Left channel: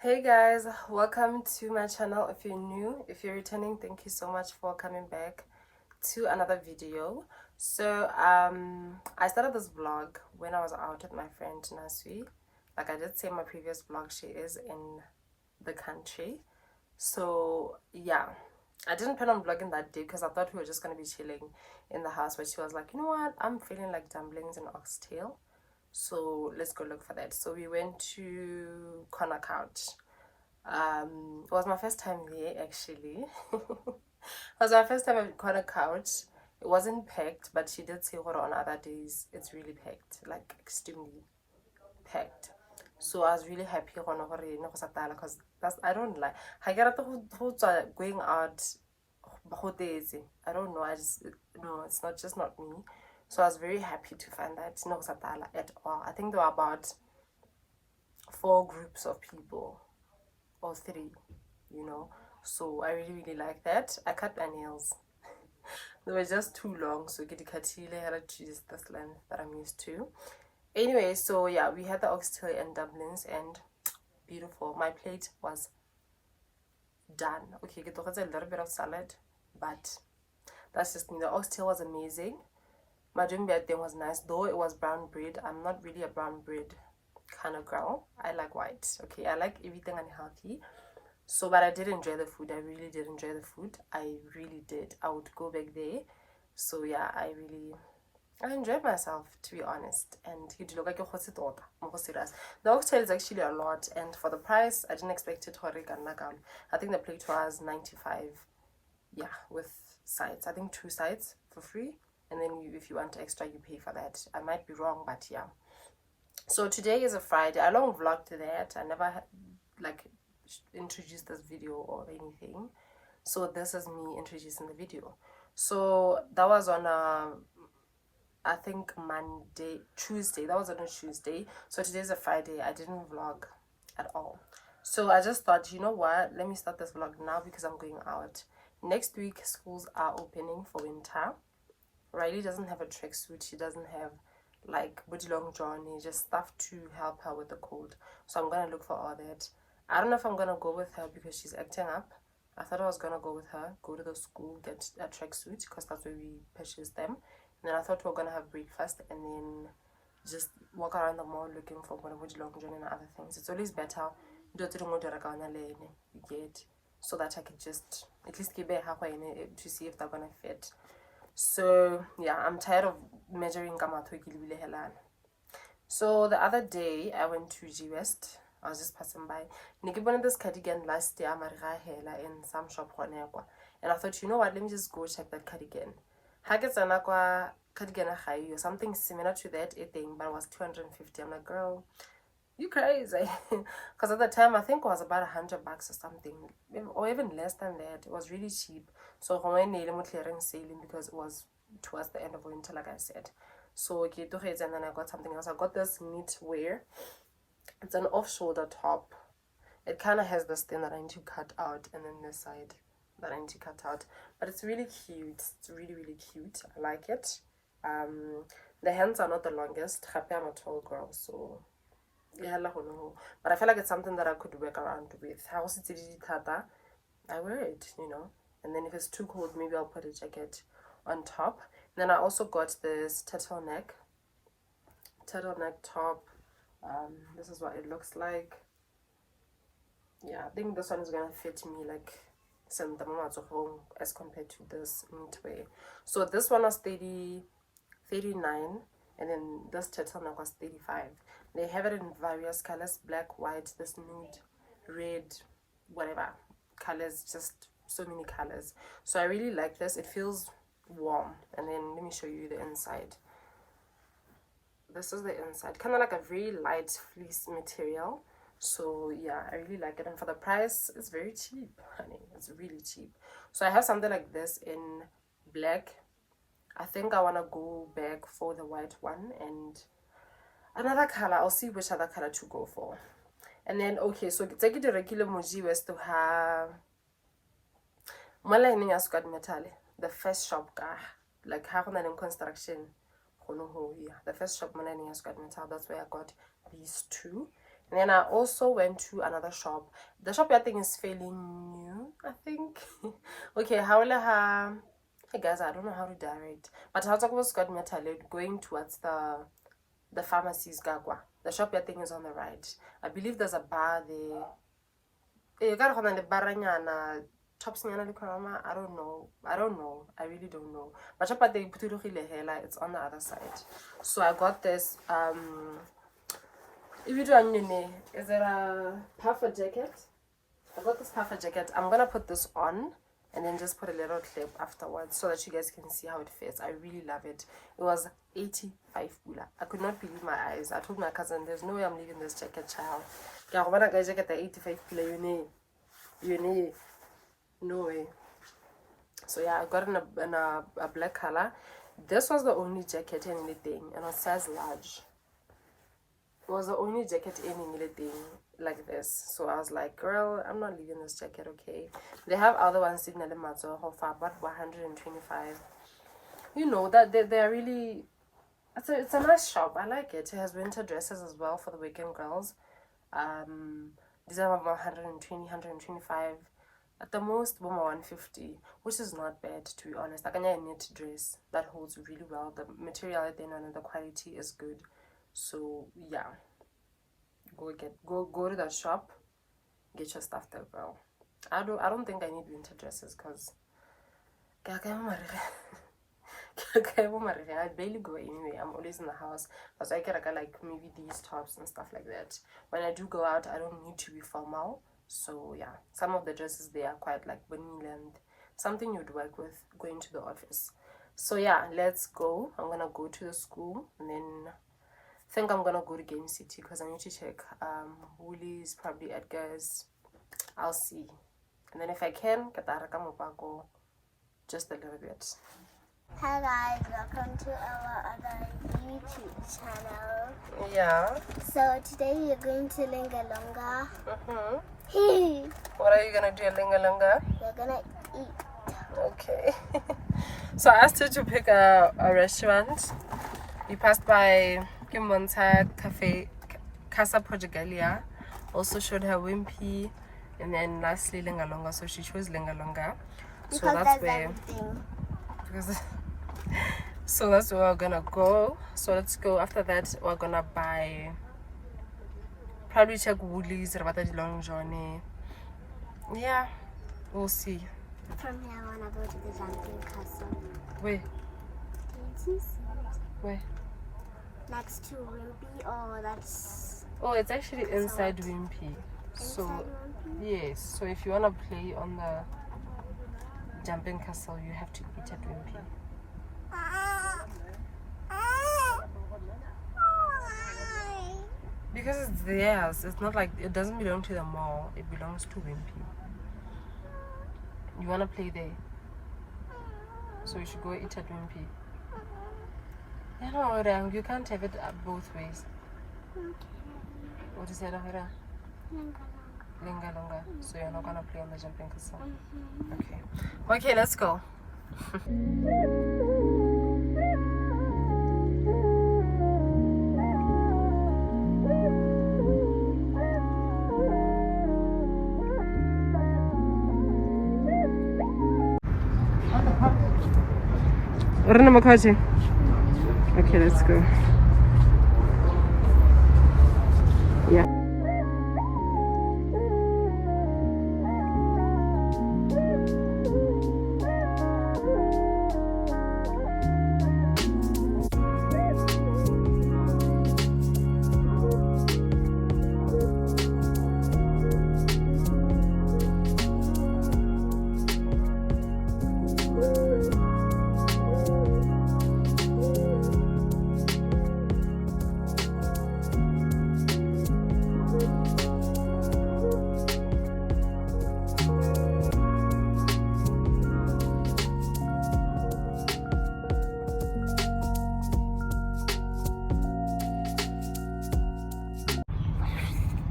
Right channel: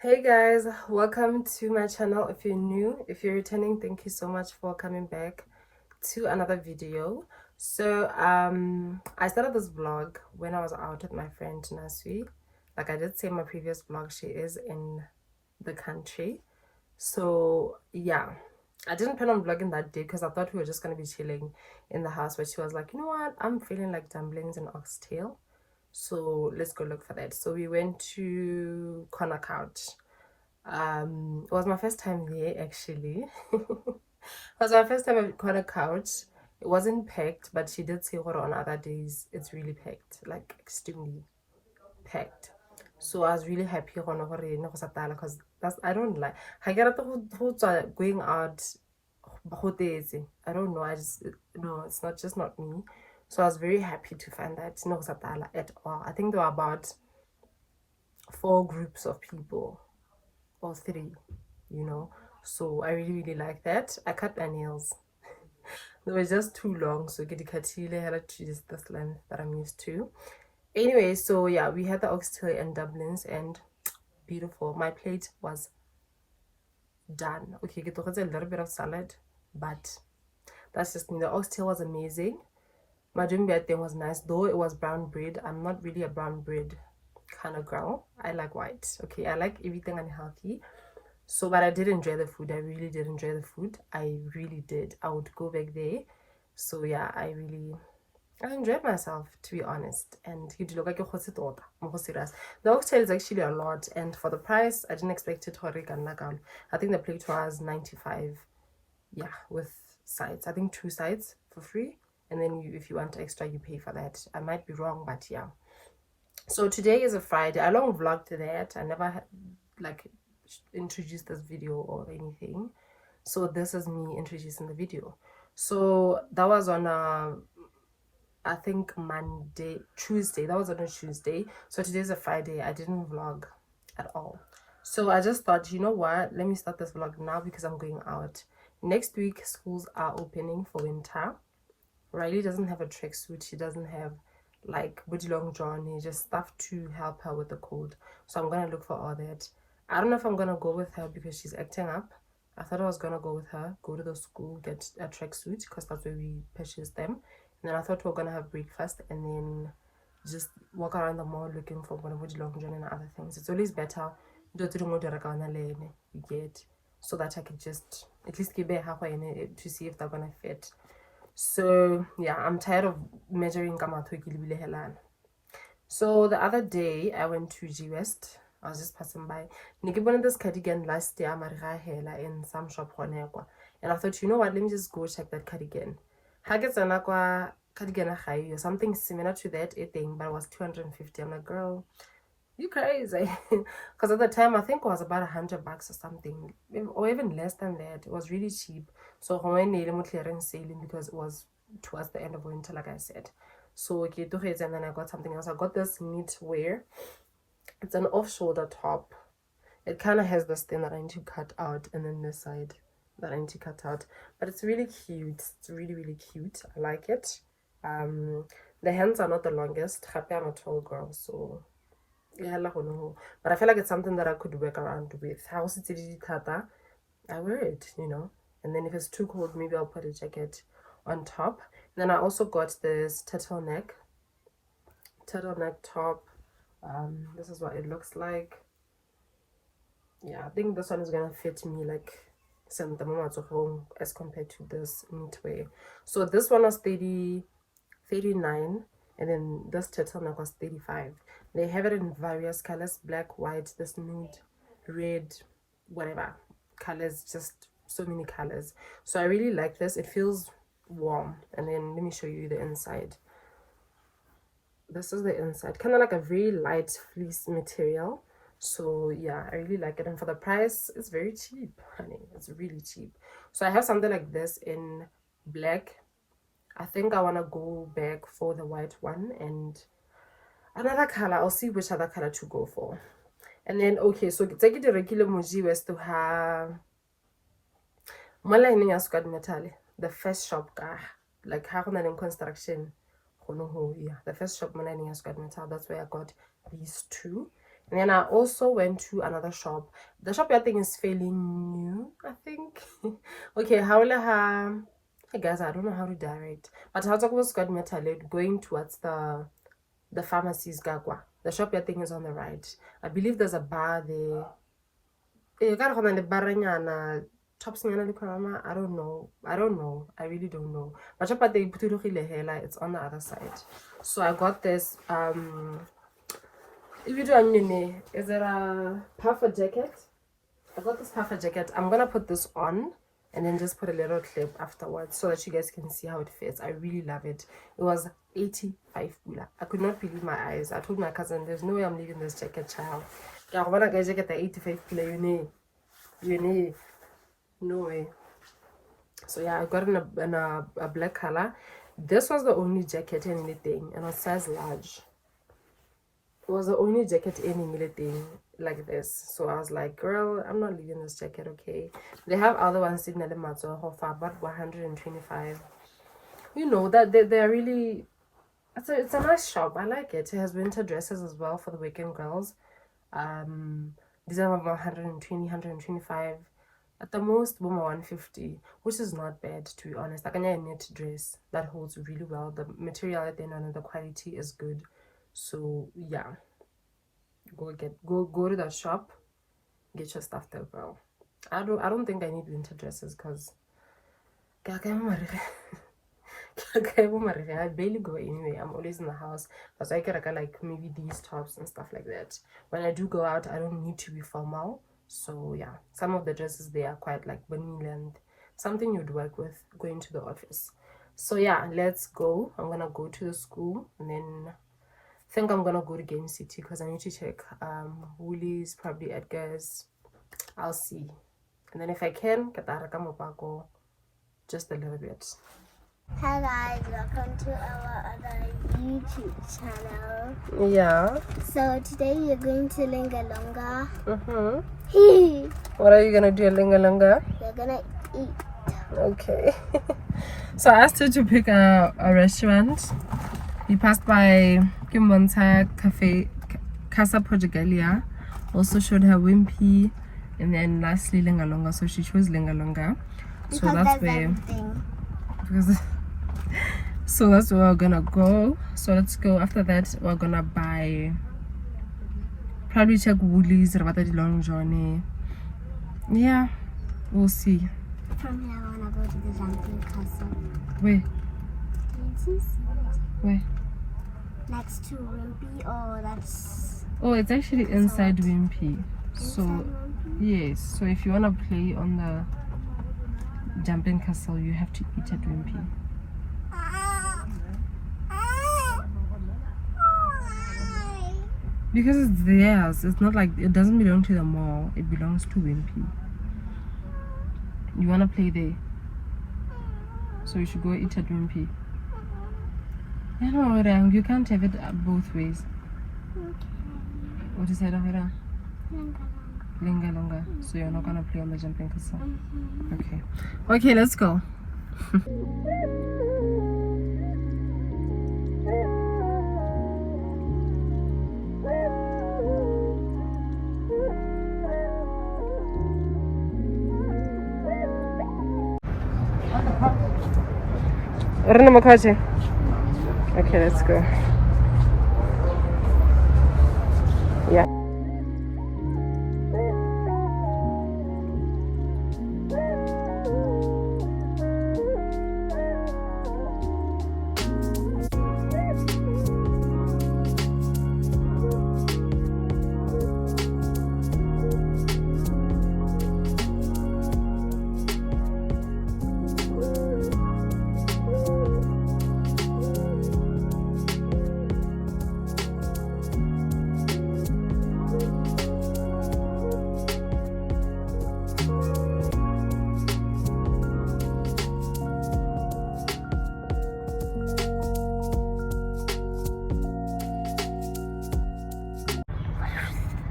Hey guys, welcome to my channel. If you're new, if you're returning, thank you so much for coming back to another video. So I started this vlog when I was out with my friend Nasui. Like I did say in my previous vlog, she is in the country. So yeah, I didn't plan on vlogging that day because I thought we were just gonna be chilling in the house, but she was like, you know what, I'm feeling like dumplings and oxtail, so let's go look for that. So we went to Corner Couch. It was my first time there actually. It was my first time at Corner Couch. It wasn't packed, but she did say on other days it's really packed, like extremely packed. So I was really happy because that's, I don't like I get going out. I don't know, I just, no, it's not, just not me. So I was very happy to find that no at all. I think there were about 4 groups of people or 3, you know. So I really like that. I cut my nails. They were just too long, so get the katile had to choose this length that I'm used to. Anyway, so yeah, we had the oxtail and dumplings, and beautiful. My plate was done. Okay, get a little bit of salad, but that's just me. The oxtail was amazing. My drink that thing was nice, though it was brown bread. I'm not really a brown bread kind of girl. I like white. Okay, I like everything unhealthy. So, but I did enjoy the food. I really did enjoy the food. I really did. I would go back there. So yeah, I enjoyed myself, to be honest. And you look like the oxtail is actually a lot, and for the price, I didn't expect it. I think the plate was 95. Yeah, with sides. I think 2 sides for free, and then if you want extra, you pay for that. I might be wrong, but yeah. So today is a Friday. I long vlogged that. I never like introduced this video or anything. So this is me introducing the video. So that was on I think Tuesday. That was on a Tuesday. So today's a Friday. I didn't vlog at all. So I just thought, you know what? Let me start this vlog now because I'm going out. Next week, schools are opening for winter. Riley doesn't have a tracksuit. She doesn't have like booty long john, just stuff to help her with the cold. So I'm gonna look for all that. I don't know if I'm gonna go with her because she's acting up. I thought I was gonna go with her, go to the school, get a tracksuit because that's where we purchased them. And then I thought we were gonna have breakfast and then just walk around the mall looking for one of the long john and other things. It's always better you get, so that I could just at least keep it halfway in it to see if they're gonna fit. So yeah, I'm tired of measuring. So the other day I went to G West. I was just passing by. I bought this cardigan last year in some shop, and I thought, you know what, let me just go check that cardigan. Cardigan or something similar to that thing, but it was 250. I'm like, girl, you crazy. Because at the time I think it was about $100 or something, or even less than that. It was really cheap. So when I made clearance sailing, because it was towards the end of winter, like I said. So okay, and then I got something else. I got this knitwear. It's an off-shoulder top. It kind of has this thing that I need to cut out, and then this side that I need to cut out. But it's really cute. It's really, really cute. I like it. The hands are not the longest. I'm a tall girl, so yeah, but I feel like it's something that I could work around with. I wear it, you know. And then if it's too cold, maybe I'll put a jacket on top. And then I also got this turtleneck top. This is what it looks like. Yeah, I think this one is gonna fit me like some home as compared to this knitwear. So this one was 39, and then this turtleneck was 35. They have it in various colors: black, white, this nude, red, whatever colors, just so many colors. So I really like this. It feels warm. And then let me show you the inside. This is the inside, kind of like a very light fleece material. So yeah, I really like it, and for the price it's very cheap, honey. It's really cheap. So I have something like this in black. I think I want to go back for the white one and another color. I'll see which other color to go for. And then okay, so take it to regular Muji West to have the first shop like how in construction. Yeah, the first shop that's where I got these two. And then I also went to another shop. The shop I think is fairly new, I think. Okay, hey guys, I don't know how to direct, but how was going towards the pharmacies gagwa. The shop I think is on the right. I believe there's a bar there. You got the chops I don't know. I really don't know. But it's on the other side. So I got this is it a puffer jacket? I got this puffer jacket. I'm gonna put this on and then just put a little clip afterwards so that you guys can see how it fits. I really love it. It was 85 pula. I could not believe my eyes. I told my cousin, there's no way I'm leaving this jacket, child. When I get the 85 pula, you need no way. So yeah, I got it in a black color. This was the only jacket in anything, and it was size large. It was the only jacket in anything like this. So I was like, girl, I'm not leaving this jacket, okay? They have other ones in the matter for about 125. You know that they're really, it's a nice shop. I like it. It has winter dresses as well for the weekend girls. These are about 120, 125. At the most, 150, which is not bad, to be honest. Like a knit dress that holds really well. The material at the end and the quality is good. So yeah, go to that shop, get your stuff there, girl. I don't think I need winter dresses because I barely go anyway. I'm always in the house. But I get like maybe these tops and stuff like that. When I do go out, I don't need to be formal. So yeah, some of the dresses they are quite like vanilla and something you'd work with going to the office. So yeah, let's go. I'm gonna go to the school and then I think I'm gonna go to Game City because I need to check Woolies, probably Edgar's. I'll see. And then if I can, go just a little bit. Hi guys, welcome to our other YouTube channel. Yeah. So today you're going to Lingalonga. What are you gonna do at Lingalonga? We're gonna eat. Okay. So I asked her to pick a restaurant. We passed by Kimonta Cafe, Casa Portugalia. Also showed her Wimpy. and then lastly Lingalonga. So she chose Lingalonga. So Because that's there's where everything. because so that's where we're gonna go. So let's go. After that we're gonna buy probably check Woolies about the long journey. Yeah, we'll see. From here, I want to go to the jumping castle. Where? Where? Next to Wimpy, or that's Oh, it's actually inside Wimpy. So inside Wimpy? yes, so if you wanna play on the jumping castle, you have to eat at Wimpy. Because it's theirs. It's not like it doesn't belong to the mall. It belongs to Wimpy. You wanna play there? So you should go eat at Wimpy. I don't know, you can't have it both ways. What is that over there? Lingalonga. So you're not gonna play on the jumping castle. Okay. Okay, let's go. Okay, let's go. Yeah.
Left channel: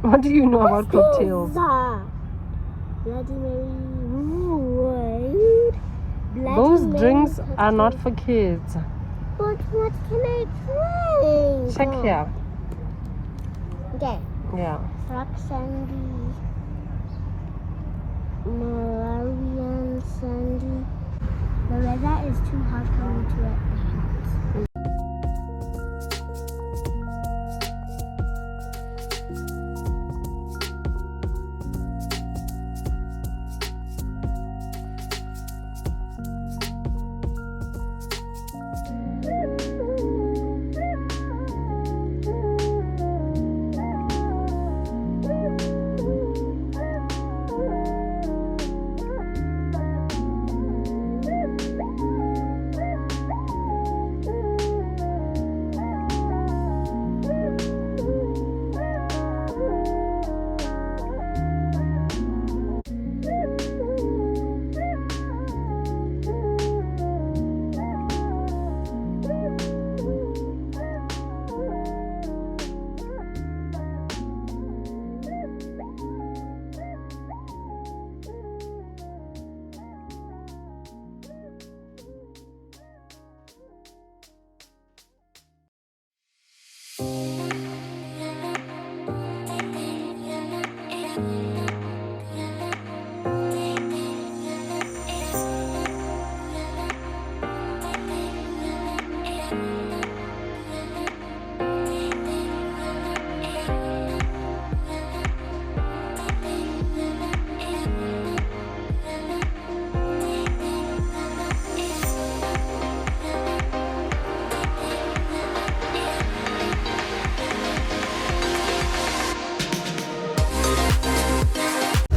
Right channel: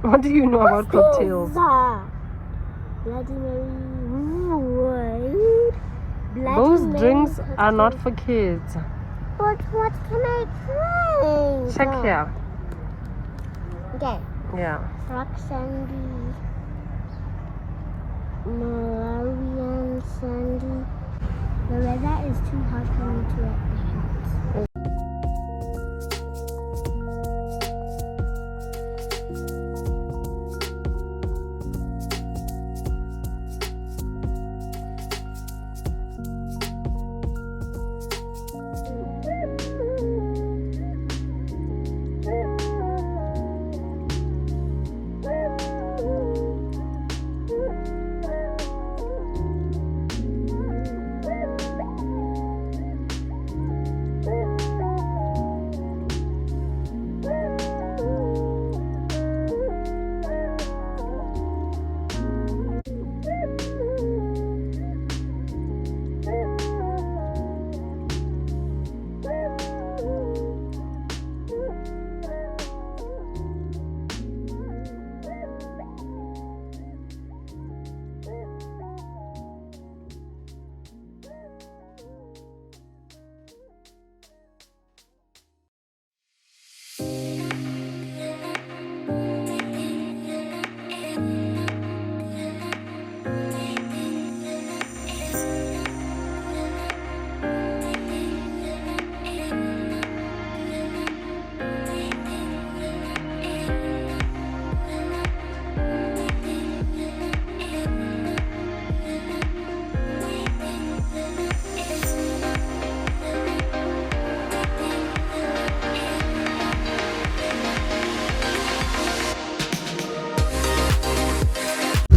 What do you know about cocktails? Bloody Mary. Bloody Those Mary drinks cocktail. are not for kids. But what can I drink? Check here. Okay. Yeah. Rock Sandy. Malarian Sandy. The weather is too hot for me to wear pants.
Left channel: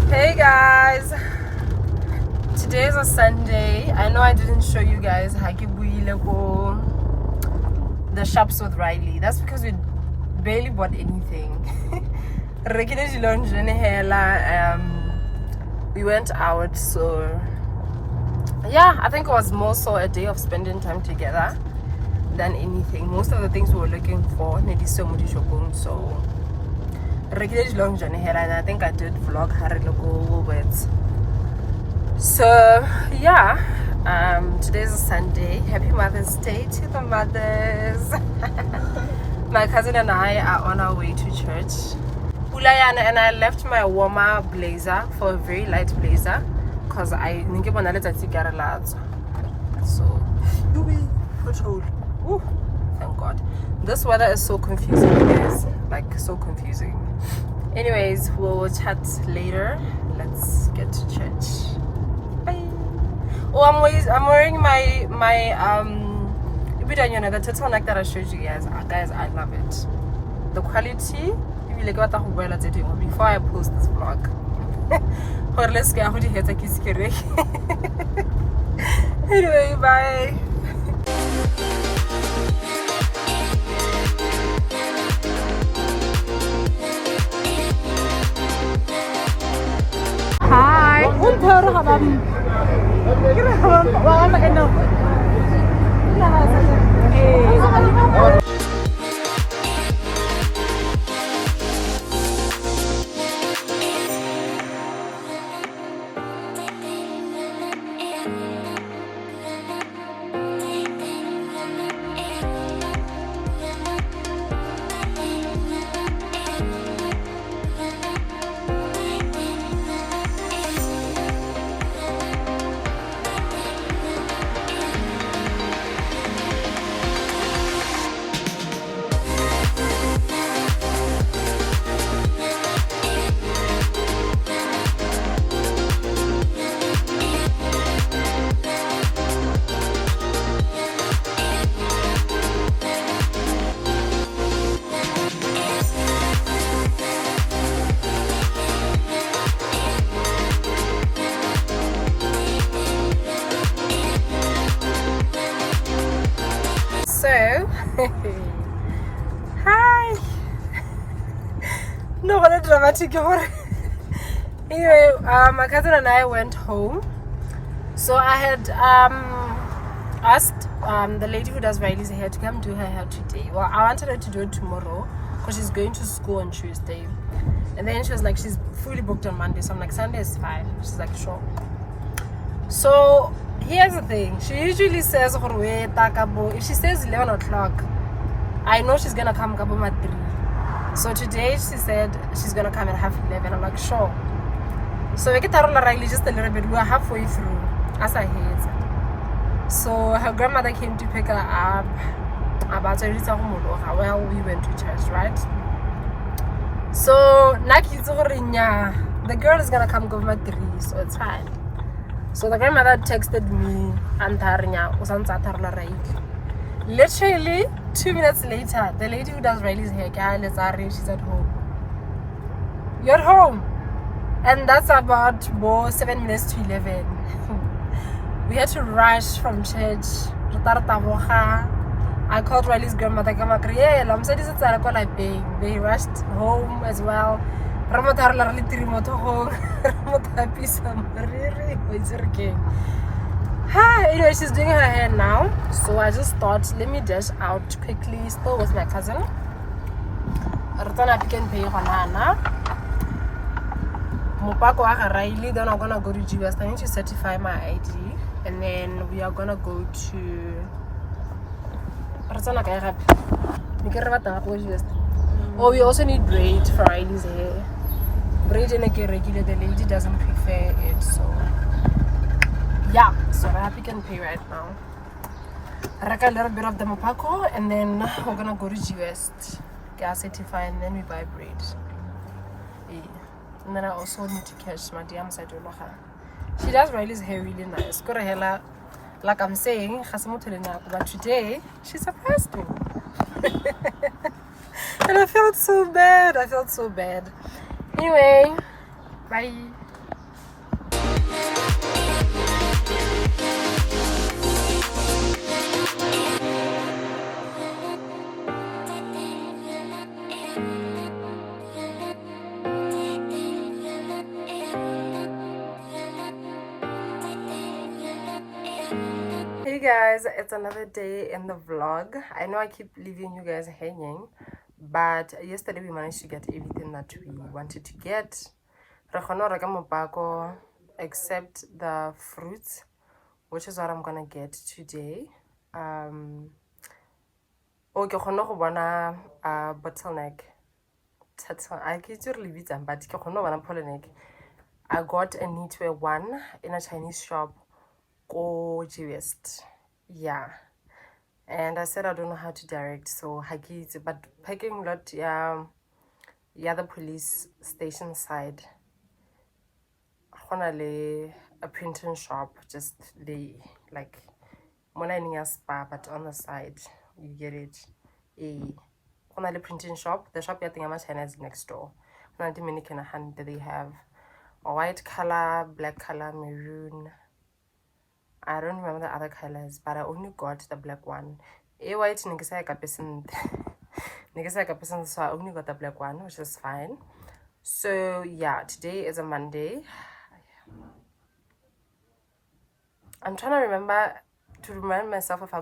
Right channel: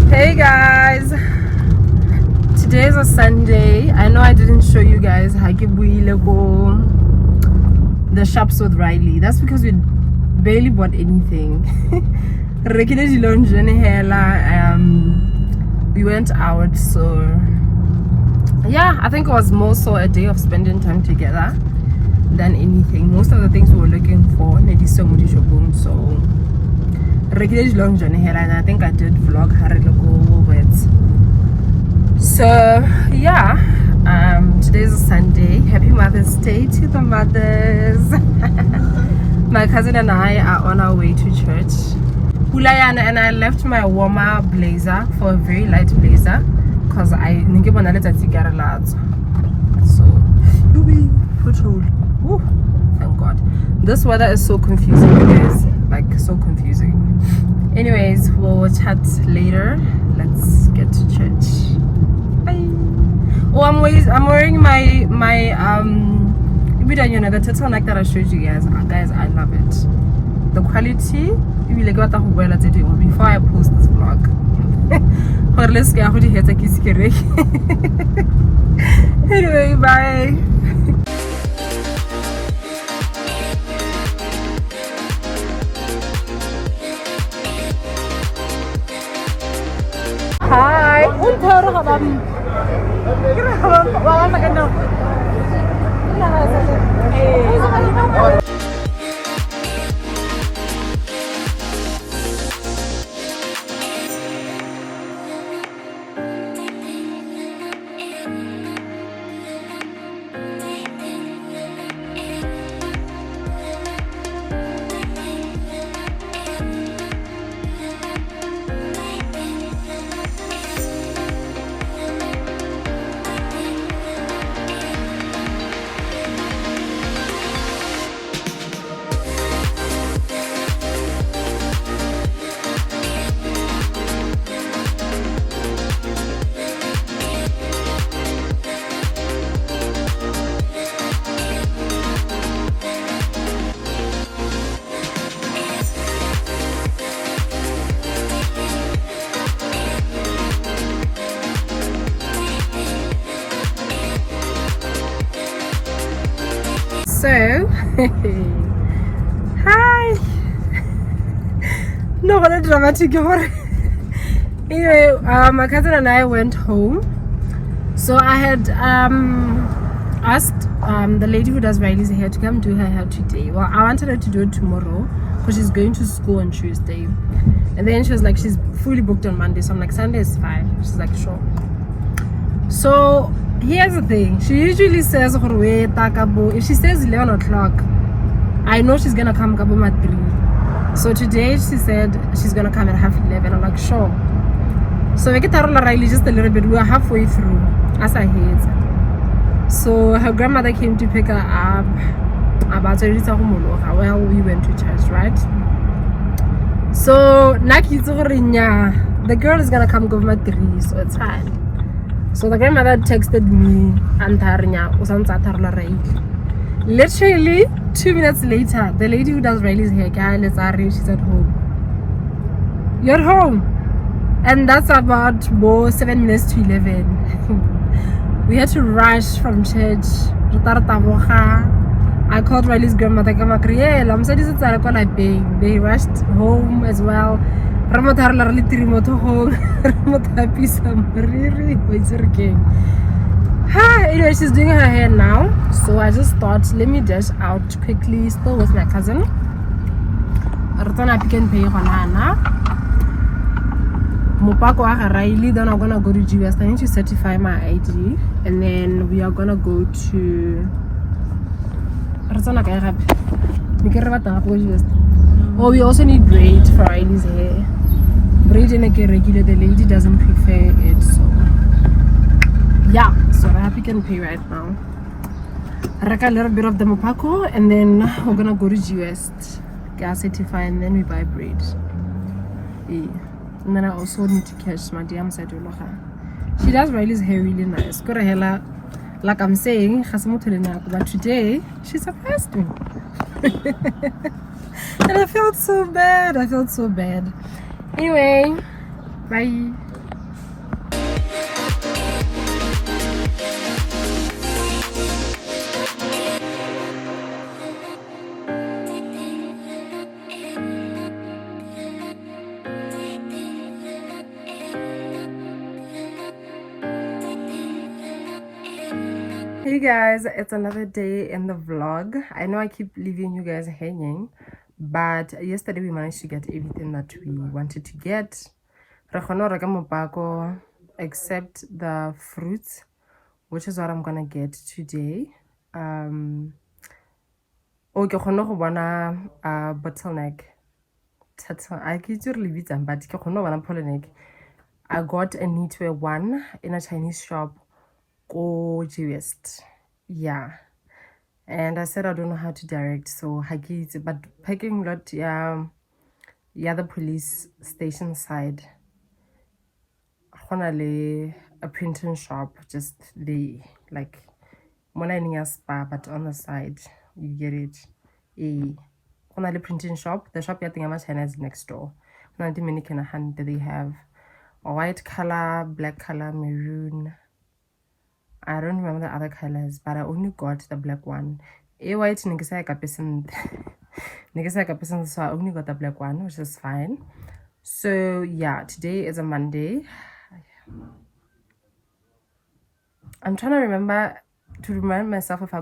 Hey guys, today is a Sunday. I know I didn't show you guys the shops with Riley. That's because we barely bought anything. We went out, so yeah, I think it was more so a day of spending time together than anything. Most of the things we were looking for, so regular long journey here, and I think I did vlog her with. So yeah, today's a Sunday. Happy Mother's Day to the mothers. My cousin and I are on our way to church. and I left my warmer blazer for a very light blazer because I didn't get a lot. So, Woo, thank God. This weather is so confusing, guys. Like, so confusing. Anyways, we'll chat later. Let's get to church. Bye. Oh, I'm wearing my the turtleneck that I showed you guys. Guys, I love it. The quality. Before I post this vlog. Anyway, bye. Hi. So, hi. No, what dramatic. Anyway, my cousin and I went home. So I had asked the lady who does Riley's hair to come do her hair today. Well, I wanted her to do it tomorrow because she's going to school on Tuesday. And then she was like, she's fully booked on Monday. So I'm like, Sunday is fine. She's like, sure. So here's the thing. She usually says, if she says 11 o'clock, I know she's gonna come at 3. So today she said she's gonna come at 11:30. I'm like, sure. So we get Riley just a little bit. We were halfway through as I hate. So her grandmother came to pick her up. Well, we went to church, right? So the girl is gonna come go at 3, so it's fine. So the grandmother texted me and literally 2 minutes later, the lady who does Riley's hair, she's at home. You're at home. And that's about 7 minutes to 11. We had to rush from church. I called Riley's grandmother. They rushed home as well. Anyway, she's doing her hair now. So I just thought, let me dash out quickly, still with my cousin. Pick and pay Riley, then I'm gonna go to GS. I need to certify my ID, and then we are gonna go to. Oh, we also need braid for Riley's hair. Braid and a regular. The lady doesn't prefer it, so yeah. So I Pick and Pay right now. I reckon a little bit of the Mopako, and then we're gonna go to GS, get certify, and then we buy braid. Yeah. And then I also need to catch my DM side. She does Riley's hair really nice. Got a hair like I'm saying, but today she surprised me. And I felt so bad. Anyway, bye. Hey guys, it's another day in the vlog. I know I keep leaving you guys hanging, but yesterday we managed to get everything that we wanted to get, except the fruits, which is what I'm gonna get today. Okay, bottleneck I get your leaves and but I got a knitwear one in a Chinese shop go West. Yeah. And I said I don't know how to direct, so I get it. But packing lot the police station side. A printing shop just like morning spa, but on the side you get it. A printing shop. The shop China is next door. One Dominican hand they have a white color, black color, maroon. I don't remember the other colors, but I only got the black one. A white person so I only got the black one, which is fine. So yeah, today is a Monday. I'm trying to remind myself if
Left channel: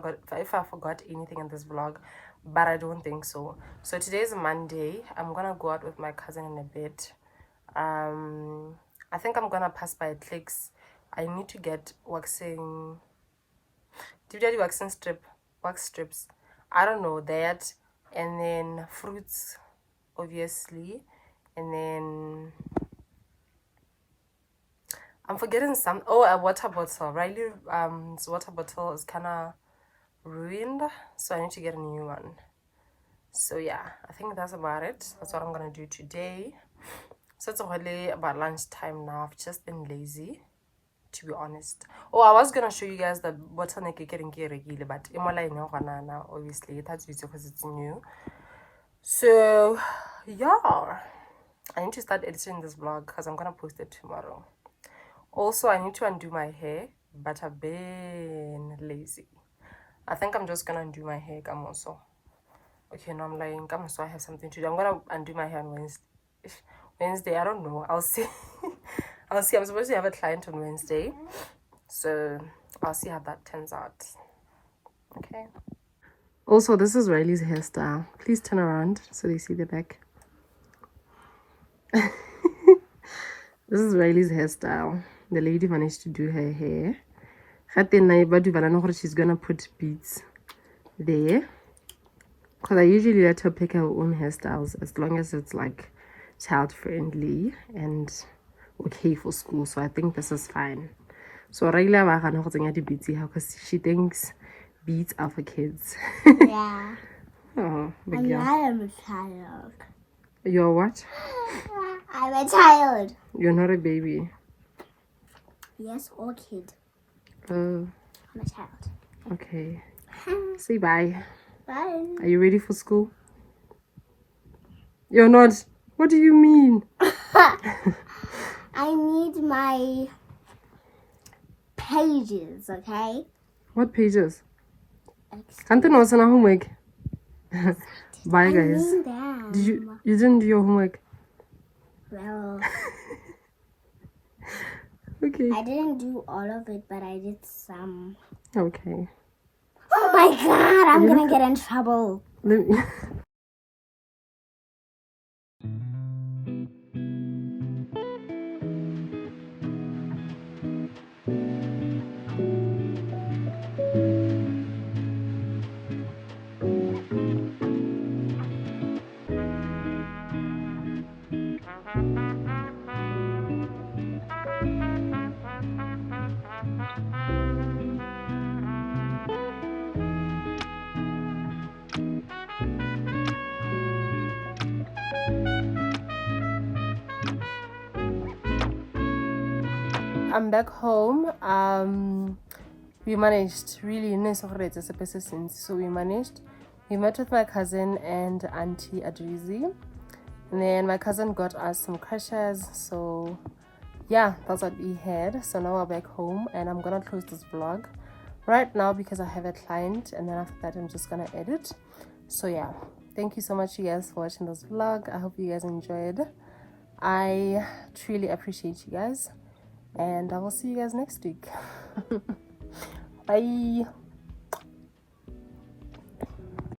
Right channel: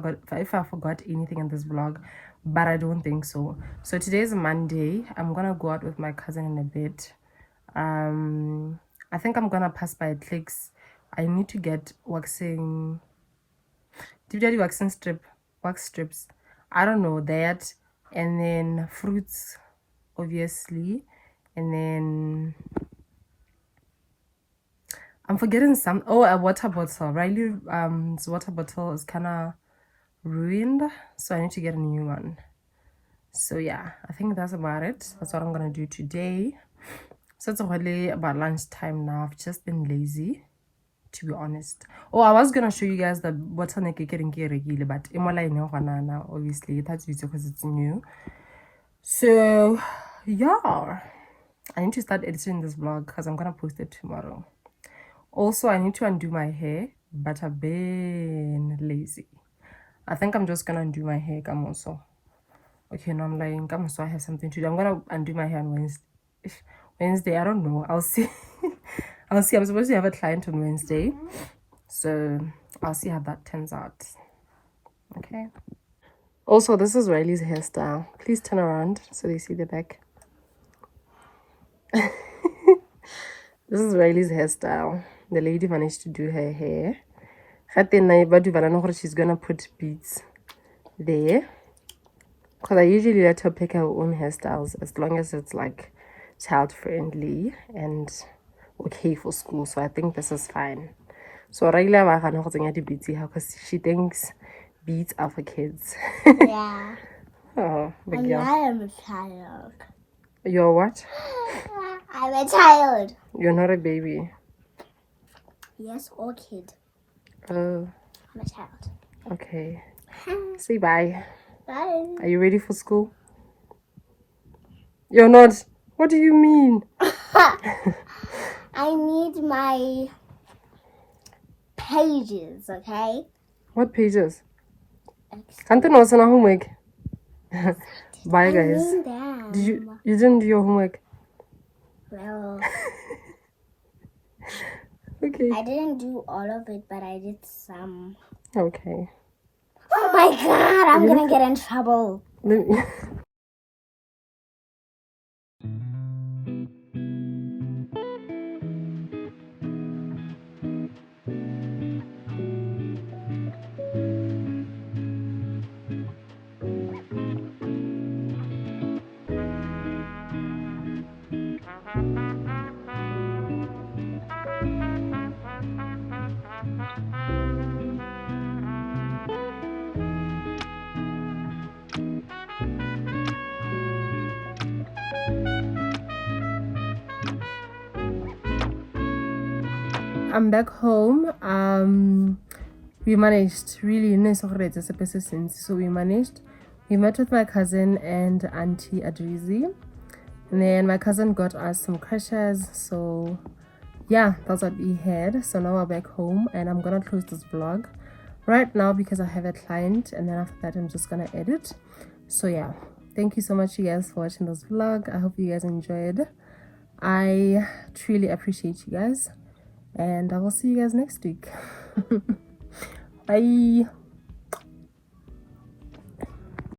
I forgot anything in this vlog, but I don't think so. So today is a Monday. I'm gonna go out with my cousin in a bit. I think I'm gonna pass by Clicks. I need to get waxing. Wax strips. I don't know that, and then fruits, obviously, and then I'm forgetting some. Oh, a water bottle. Riley's water bottle is kind of ruined, so I need to get a new one. So yeah, I think that's about it. That's what I'm gonna do today. So it's already about lunchtime now. I've just been lazy, to be honest. Oh, I was gonna show you guys the bottleneck getting regular, but now obviously that's because it's new. So yeah, I need to start editing this vlog because I'm gonna post it tomorrow. Also, I need to undo my hair, but I've been lazy. I think I'm just gonna undo my hair. Come also. Okay, no, I'm lying. Come so I have something to do. I'm gonna undo my hair on Wednesday. I don't know. I'll see. I'll see. I'm supposed to have a client on Wednesday, so I'll see how that turns out. Okay. Also, this is Riley's hairstyle. Please turn around so they see the back. This is Riley's hairstyle. The lady managed to do her hair. She's gonna put beads there. Because I usually let her pick her own hairstyles as long as it's like child friendly and okay for school. So I think this is fine. So Riley beads because she thinks beads are for kids. Yeah. Oh, big And girl. I am a child. You're what? I'm a child. You're not a baby. Yes, or kid. Oh, I'm a child. okay. Say bye. Bye. Are you ready for school? You're not. What do you mean? I need my pages, okay? What pages? Can't you know it's homework? Bye, guys. I mean them. You didn't do your homework? Well, Okay. I didn't do all of it, but I did some. Okay. Oh my god, I'm gonna get in trouble. Let me... I'm back home. We managed really nice. So we managed. We met with my cousin and Auntie Adrizi, and then my cousin got us some crushes. So yeah, that's what we had. So now we're back home, and I'm gonna close this vlog right now because I have a client, and then after that I'm just gonna edit. So yeah, thank you so much you guys for watching this vlog. I hope you guys enjoyed. I truly appreciate you guys, and I will see you guys next week. Bye.